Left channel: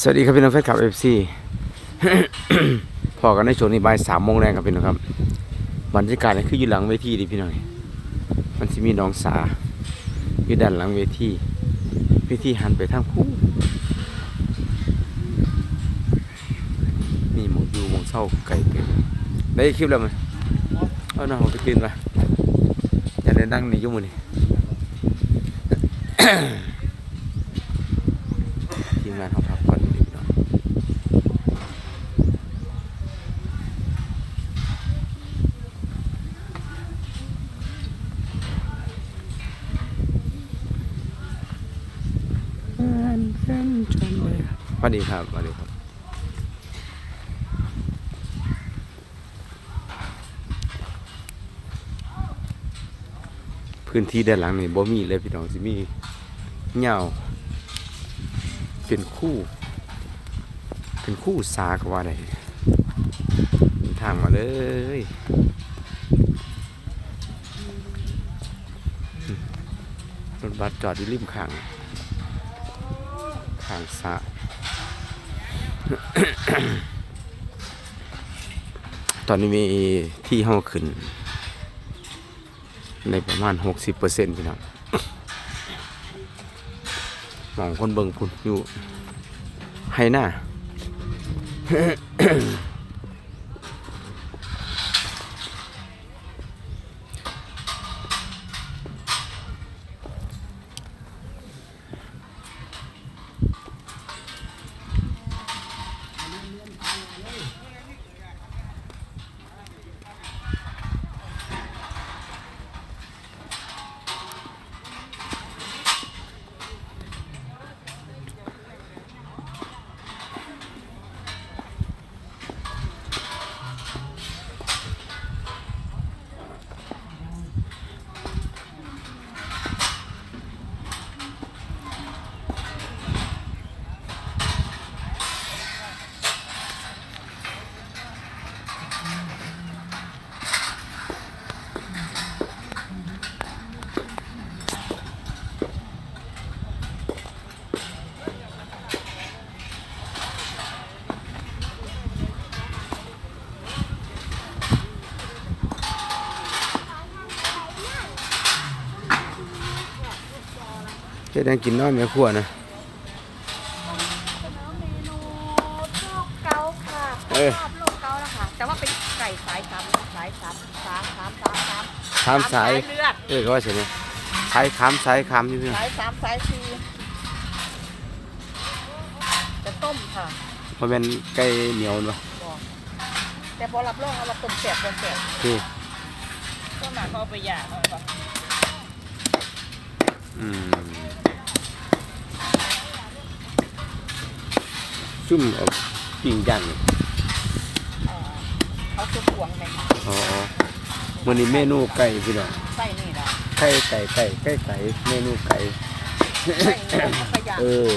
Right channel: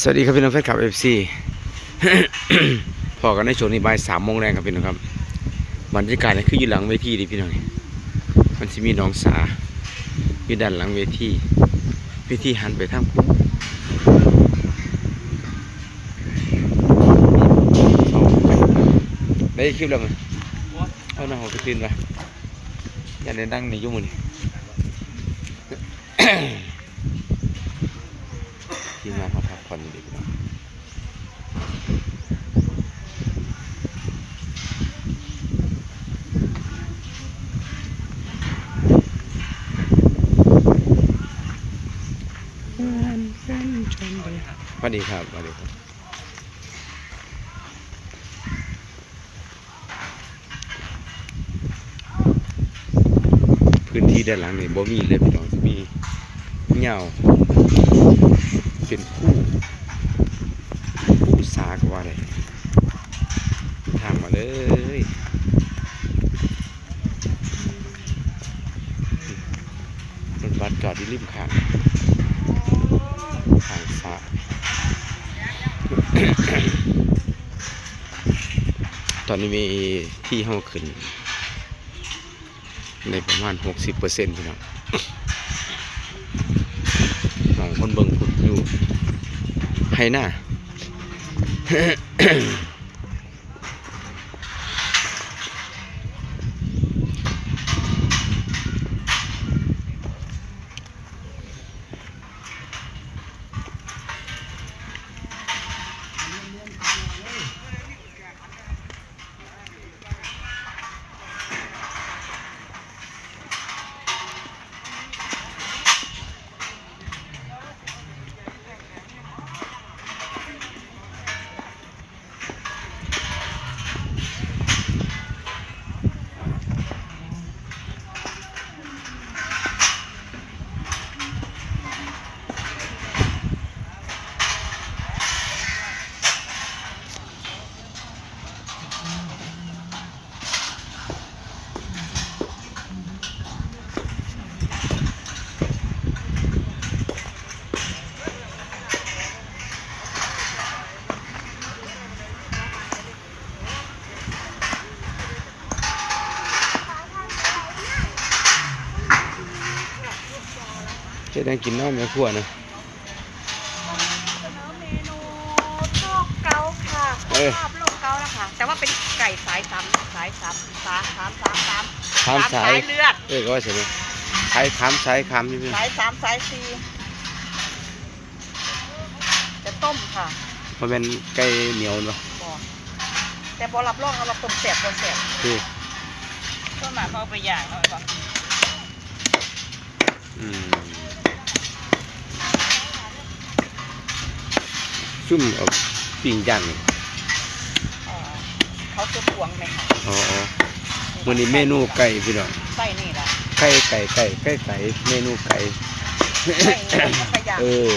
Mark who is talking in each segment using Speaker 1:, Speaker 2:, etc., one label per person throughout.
Speaker 1: สวัสดีครับพี่น้องแฟนคลับเอฟซีพอกันในช่วงนี้บ่ายสามโมงแรงครับพี่น้องครับบรรยากาศนี่คืออยู่หลังเวทีดิพี่น้อย มันจะมีน้องสาอยู่ด้านหลังเวทีเวทีหันไปทางผู้เศร้าไก่ได้คลิปแล้วมั้ยเอาหน้าผมไปตื่นมาอย่าได้ดังนี่ยุ่มือนี่ ทีมงานเขาพักผ่อนอยู่ดีเนาะส วัสดีครับสวัสดีครับพื้นที่ด้านหลังนี่บ่มีเลยพี่น้องสิมีเหงาเป็นคู่คู่สาก็ว่าได้ทางมาเลยรถบัสจอดอยู่ริมข้างทางสา ตอนนี้มีที่ห้องขึ้น ในประมาณ 60%พี่น้องมองคนเบิ่งพุดอยู่ให้หน้า จะได้กินน้ำเนื้อขั้วนะ
Speaker 2: เสนอเมนูโลกเกาค่ะ
Speaker 1: เอ้ย
Speaker 2: ภาพโลกเกานะคะแต่ว่าเป็นไก่สายสามสายสามสามสามสามสาม
Speaker 1: ขามสาย
Speaker 2: เลือด
Speaker 1: เอ้ยก็ว่าใช่ไหมสายขามสายขามนี่พี่
Speaker 2: สายสามสายสี่จะต้มค่ะ
Speaker 1: มันเป็นไก่เหนียวเนาะ
Speaker 2: บอกแต่พอรับรองเอาเราต้มแสบพอแสบ
Speaker 1: คือ
Speaker 2: ต้นหนาเขาเอาไปย่างเอาไปบอก
Speaker 1: อืม ซุ่มเอาปิ้งย่างนี่
Speaker 2: เอ่อเขาจะพวงไหมคะ
Speaker 1: อ๋ออ๋อวันนี้เมนูไก่พี่น้อง
Speaker 2: ไส้นี่แหละ
Speaker 1: ไก่ไก่ไก่ไก่ไก่เมนูไก่
Speaker 2: ไส้นี่เขาขยาง
Speaker 1: เออ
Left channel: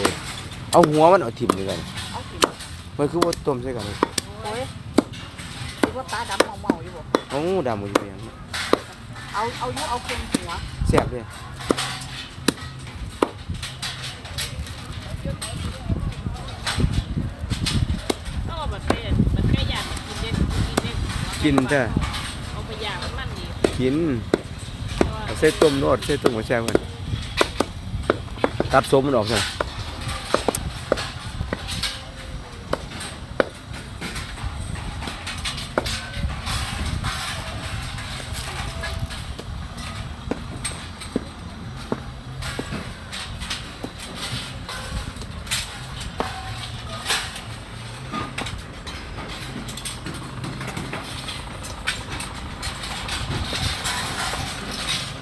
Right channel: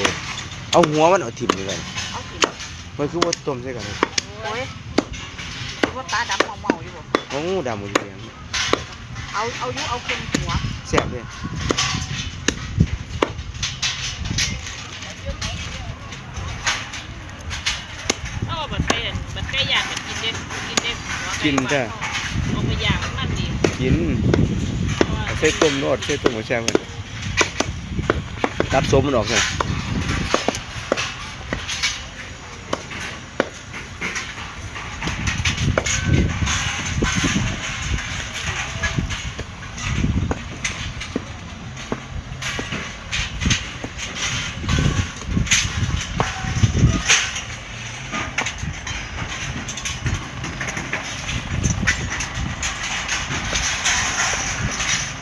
Speaker 1: เอาหัวมันเอาถิ่มดีกว่า
Speaker 2: เอากิน
Speaker 1: มันคือว่าต้มใช่กันเลย
Speaker 2: โอ้ยคิดว่าตาดำเมาเมาๆอยู่บ่
Speaker 1: โอ้ดำหมดเลยง
Speaker 2: เอาเอายุเอาเค็มหัว
Speaker 1: แซ่บเลย
Speaker 3: ถ้าว่ามันเป็นมันแค่อยากจะกินเด็กกินเด็ ก
Speaker 1: กินจ้ะ
Speaker 3: มันก็อยากมันดี
Speaker 1: กินเอาใส่ต้มโนดใส่ต้มกับแซ่บกันตัดสมมันออกเล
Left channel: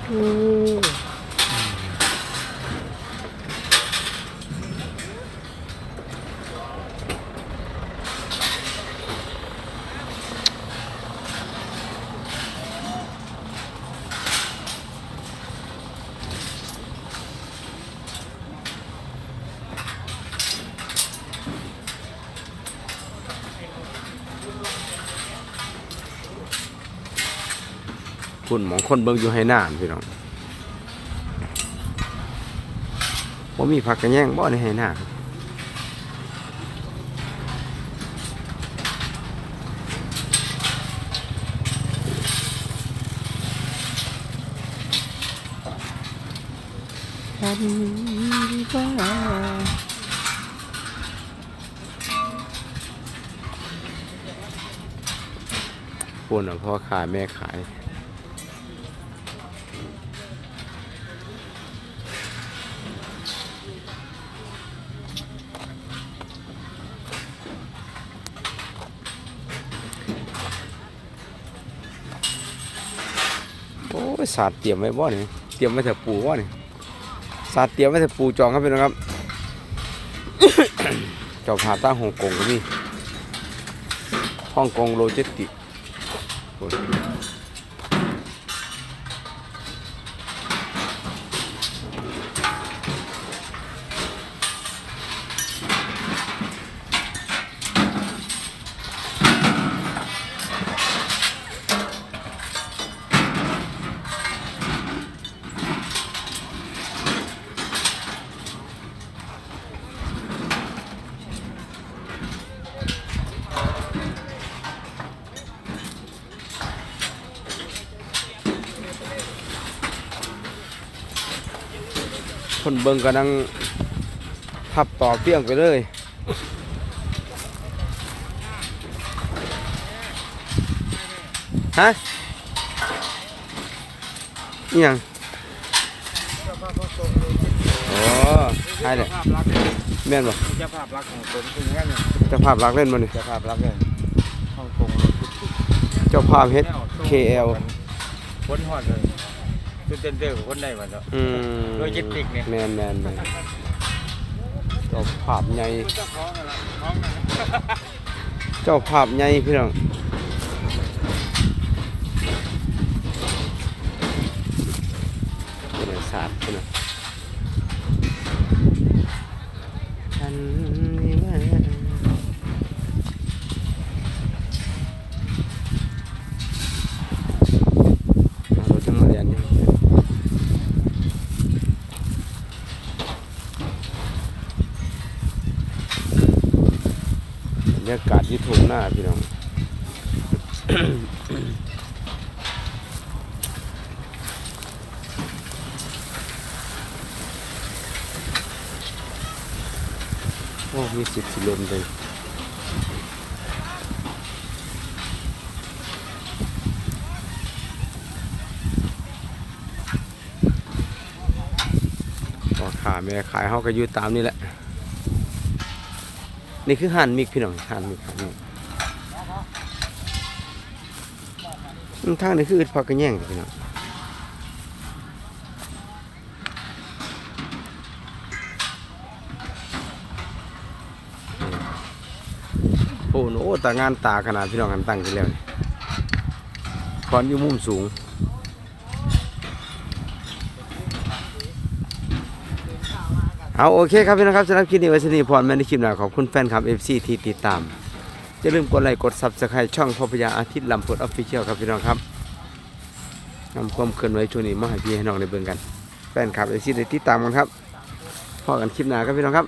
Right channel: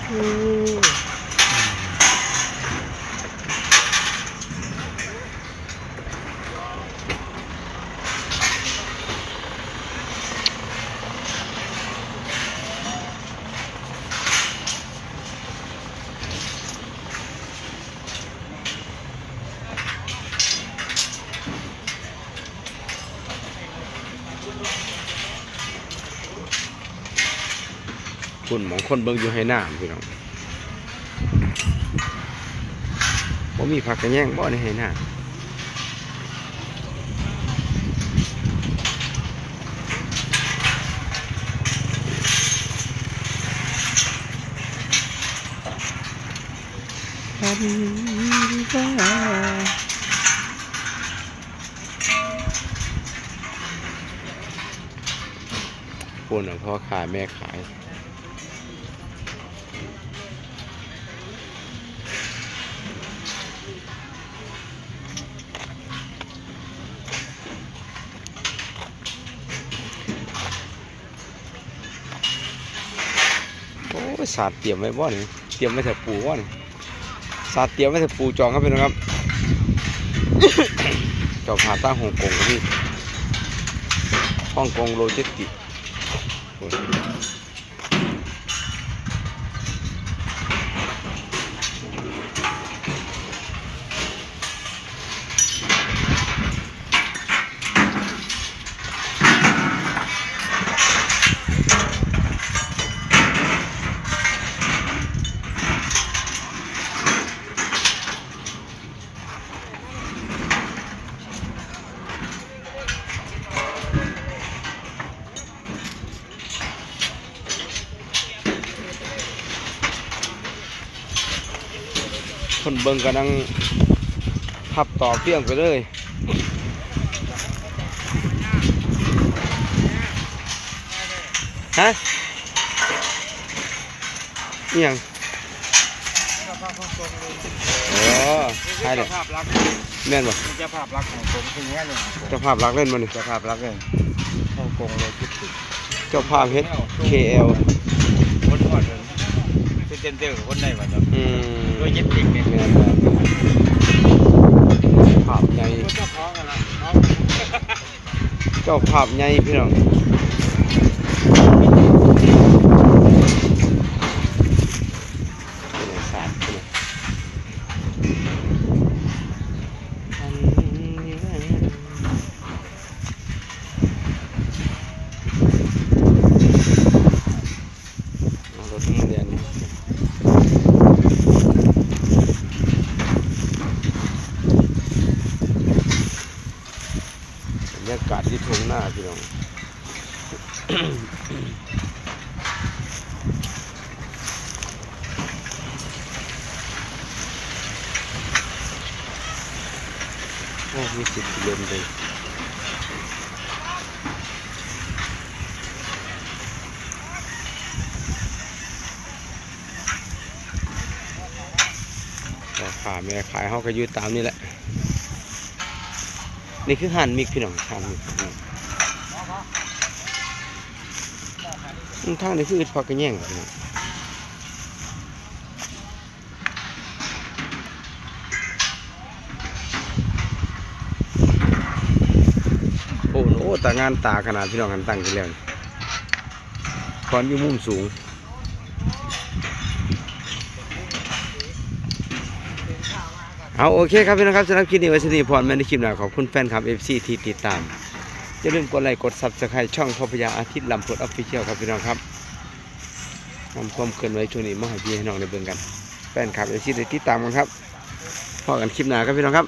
Speaker 1: ย คุณหมองคนเบิ่งอยู่ให้หน้าพี่น้องว่ามีผักกระแยงบ่ในให้หน้าปันว่าคนอาพ่อขายแม่ขาย สาดเตรียมไว้บ่เนี่ยเตรียมไว้แต่ปูบ่เนี่ยสาดเตรียมไว้แต่ปูจองครับพี่น้องครับเจ้าผาตั้งฮ่องกงครับพี่ฮ่องกงโลจิสติก คนเบิ่งก็นั่งพับต่อเพียงไปเลยฮะนี่ยังโอ้ใช่เลยแม่นบ่
Speaker 4: เจ้าภาพรักของผมคือเนี้ยเนี่ย
Speaker 1: เจ้าภาพรักเล่นบ่นี่
Speaker 4: เจ้าภาพรักเลยฮ่องกงโลจิสติกส์
Speaker 1: เจ้าภาพเฮ็ด KL
Speaker 4: วนทอดเลย เจนเดอร์คนได้มาจาก
Speaker 1: อืม
Speaker 4: โลจิสติกส์เนี่ย
Speaker 1: แม่นแม่นภาพใหญ่
Speaker 4: เจ้าของอะไรน้อง
Speaker 1: เจ้าภาพใหญ่พี่น้องเป็นไงสาดเป็นไงเอารถทุ่มเรียนเนี่ย บรรยากาศที่ทุ่งหน้าพี่น้องโอ้มีสิบกิโลเลย ราคาแม่ขายเขาก็อยู่ตามนี่แหละ นี่คือหันมิกพี่น้องหันมิกพี่น้องอืมทางนี้คืออึดพักกระแย่งพี่น้องโอ้โหตางานตาขนาดพี่น้องกันตั้งกันแล้วนี่ก่อนอยู่มุมสูง เอาโอเคครับพี่น้องครับสำหรับคลิปนี้ไว้สนีพรแม่ในคลิปหน้าขอบคุณแฟนคลับ FC ที่ติดตาม อย่าลืมกดไลค์กดซับสไครต์ช่องพ่อพญาอาทิตย์ลำพดออฟฟิเชียลครับพี่น้องครับนำความเคลื่อนไหวช่วงนี้มาให้พี่ให้น้องได้เบิ่งกัน แฟนคลับ FC ได้ติดตามกันครับพอกันคลิปหน้าครับพี่น้องครับ